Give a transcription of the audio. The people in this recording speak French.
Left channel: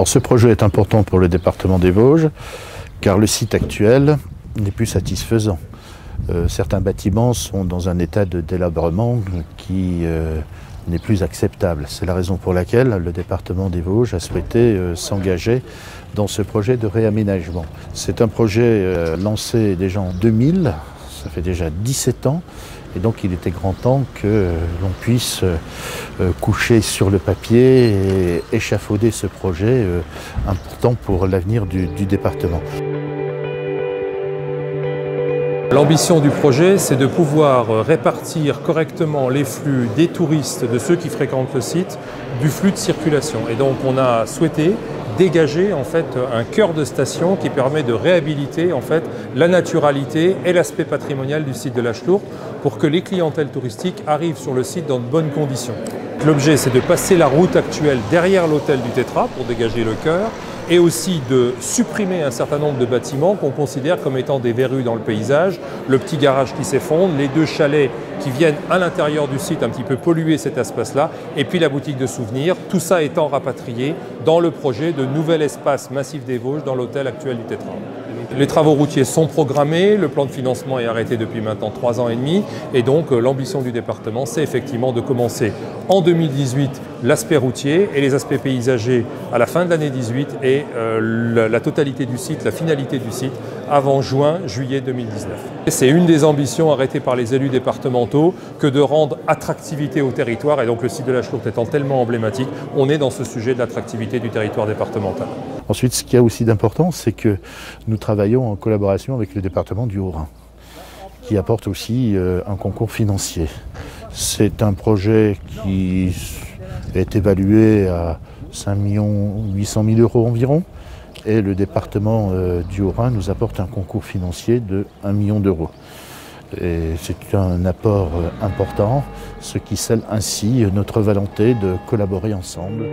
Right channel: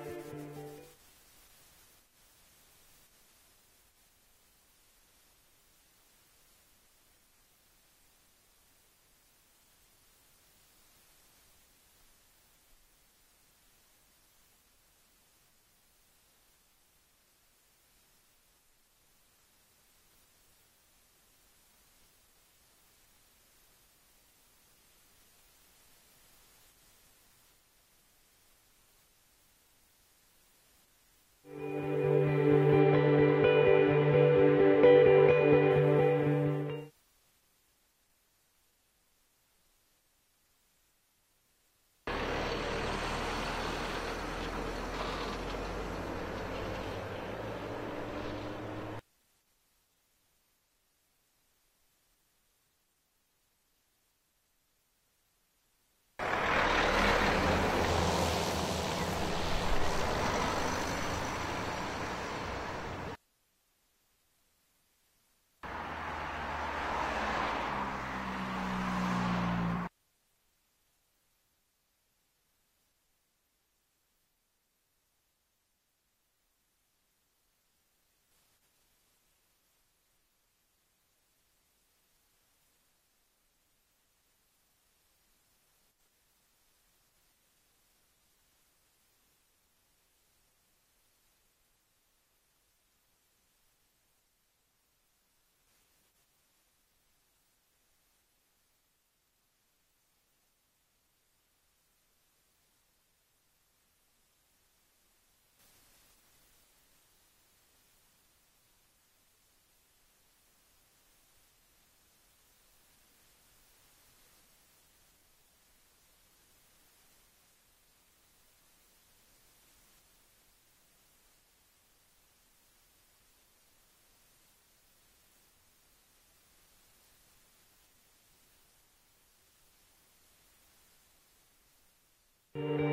Alors ce projet est important pour le département des Vosges, car le site actuel n'est plus satisfaisant. Certains bâtiments sont dans un état de délabrement qui n'est plus acceptable. C'est la raison pour laquelle le département des Vosges a souhaité s'engager dans ce projet de réaménagement. C'est un projet lancé déjà en 2000, ça fait déjà 17 ans, et donc il était grand temps que l'on puisse coucher sur le papier et échafauder ce projet important pour l'avenir du département. L'ambition du projet, c'est de pouvoir répartir correctement les flux des touristes, de ceux qui fréquentent le site, du flux de circulation. Et donc on a souhaité dégager en fait un cœur de station qui permet de réhabiliter en fait la naturalité et l'aspect patrimonial du site de la Chlourte pour que les clientèles touristiques arrivent sur le site dans de bonnes conditions. L'objet, c'est de passer la route actuelle derrière l'hôtel du Tétra pour dégager le cœur, et aussi de supprimer un certain nombre de bâtiments qu'on considère comme étant des verrues dans le paysage, le petit garage qui s'effondre, les deux chalets qui viennent à l'intérieur du site un petit peu polluer cet espace-là, et puis la boutique de souvenirs, tout ça étant rapatrié dans le projet de nouvel espace massif des Vosges dans l'hôtel actuel du Tétra. Les travaux routiers sont programmés, le plan de financement est arrêté depuis maintenant 3 ans et demi, et donc l'ambition du département, c'est effectivement de commencer en 2018 l'aspect routier et les aspects paysagers à la fin de l'année 2018 et la totalité du site, la finalité du site avant juillet 2019. C'est une des ambitions arrêtées par les élus départementaux que de rendre attractivité au territoire, et donc le site de la Chlourte étant tellement emblématique, on est dans ce sujet de l'attractivité du territoire départemental. Ensuite, ce qu'il y a aussi d'important, c'est que nous travaillons en collaboration avec le département du Haut-Rhin, qui apporte aussi un concours financier. C'est un projet qui est évalué à 5 800 000 € environ, et le département du Haut-Rhin nous apporte un concours financier de 1 million d'euros. Et c'est un apport important, ce qui scelle ainsi notre volonté de collaborer ensemble.